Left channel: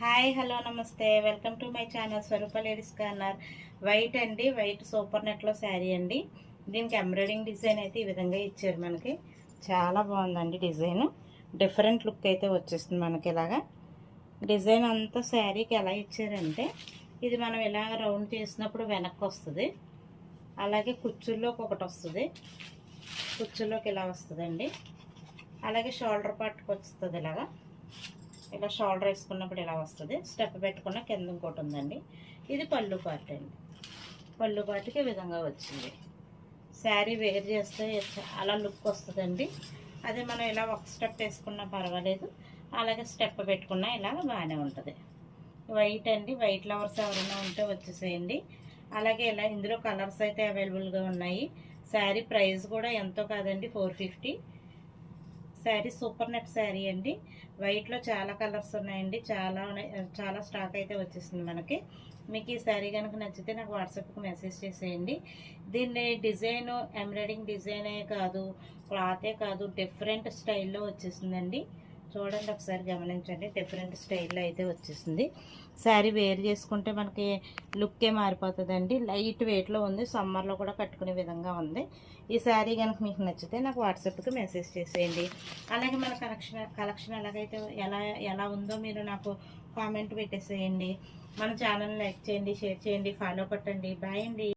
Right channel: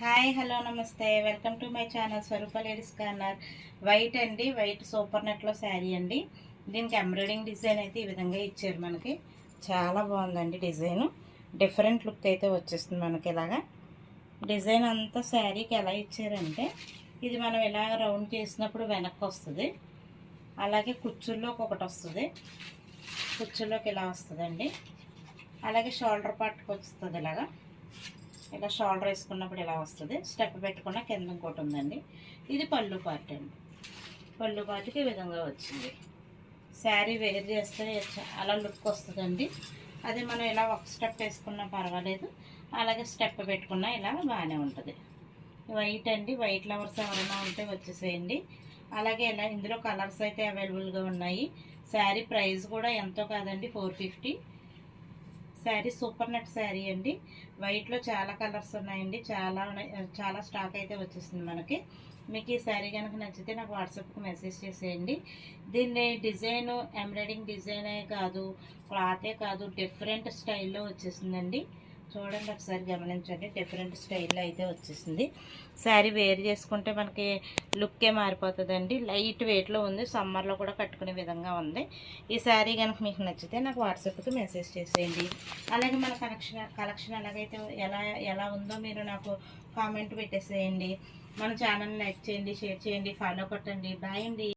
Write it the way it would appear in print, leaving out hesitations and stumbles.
Hi hello నమస్తే welcome to my channel Swaroopa ladies corner. White అండి, white super నెట్లో శారీ అండి. దీనికి ఎంబ్రాయిడింగ్ డిజైన్ అయితే ఈ విధంగా ఇచ్చారు. మనకి చాలా బాగుందండి డిజైన్. డిఫరెంట్ లుక్ అయితే వచ్చేస్తుంది మనకి. ఇలాగా డిజైన్ అంతా శారీకి ఎలా ఇచ్చారంటే, ఇది మనం ఇలాగ రౌండ్ చేసినప్పుడు వెనక్కి వస్తుంది. అలాగే కుచ్చుల్లోకి ఒకటి వస్తుంది, కుచ్చుల్లోకి ఇలా వస్తుందండి. అలాగే షోల్డర్ పార్ట్కి వస్తుంది. ఇలా షోల్డర్ వేసుకున్నప్పుడు ఇలా వస్తుంది. స్టెప్ పెట్టుకున్న కింద ఇంకోటి ఉందండి. ఇది పళ్ళు పార్ట్ అండి. పళ్ళు పార్ట్కి ఈ విధంగా వచ్చింది. శారీ వేర్ చేస్తే అలా లుక్ వస్తుందండి. అదే మనం ఇలా ఒక స్టెప్ వేసుకున్నా పర్వాలేదు, అలాగే స్టెప్ పెట్టుకున్నా ఇలా బాగానే ఉంటుంది. వైట్ అండి, వైట్ లవర్స్ ఎవరైనా ఉంటే వచ్చేసేయండి. అలాగే ఇలా ఇందులో కలర్స్ అయితే అవైలబుల్గా ఉన్నాయి. శారీ ప్రైస్ కూడా ఎంతో కాదండి, 450. శారీ సూపర్ నెట్ శారీ అండి. వైట్లో చాలా కలర్స్ ఉన్నాయండి, చాలా స్టాక్ అయితే వచ్చేసింది మనకి. మీకు ఈ శారీ కనుక నచ్చితే నాకు వాట్సాప్కి మెసేజ్ చేసేయండి. దీన్ని డిజైన్ ఎంబ్రాయిడింగ్ డిజైనే కాదు, క్లాతే కాదు, డిఫరెంట్ స్టైల్లో వచ్చేసిందండి. చూడండి, ఒకసారి గమనించండి. డిఫరెంట్ స్టైల్లో అయితే వచ్చేసింది. శారీ వేర్ చేసుకుంటే మనకి లుక్కే మారిపోతుందండి. లైట్ వెయిట్లో ఉంది, సమ్మర్లో కూడా కట్టుకునే విధంగా ఉంది. ఈ శారీ కనుక మీకు నచ్చితే నాకు వాట్సాప్కి మెసేజ్ చేసేయండి. అలాగే మన కలెక్షన్ ఎలాగైతే ఎలా ఉందో మీరు నాకు కామెంట్ పెట్టేసేయండి. మన ఛానల్ లైక్ చేయండి, షేర్ చేయండి, ఫాలో కొట్టండి. బాయ్ అండి.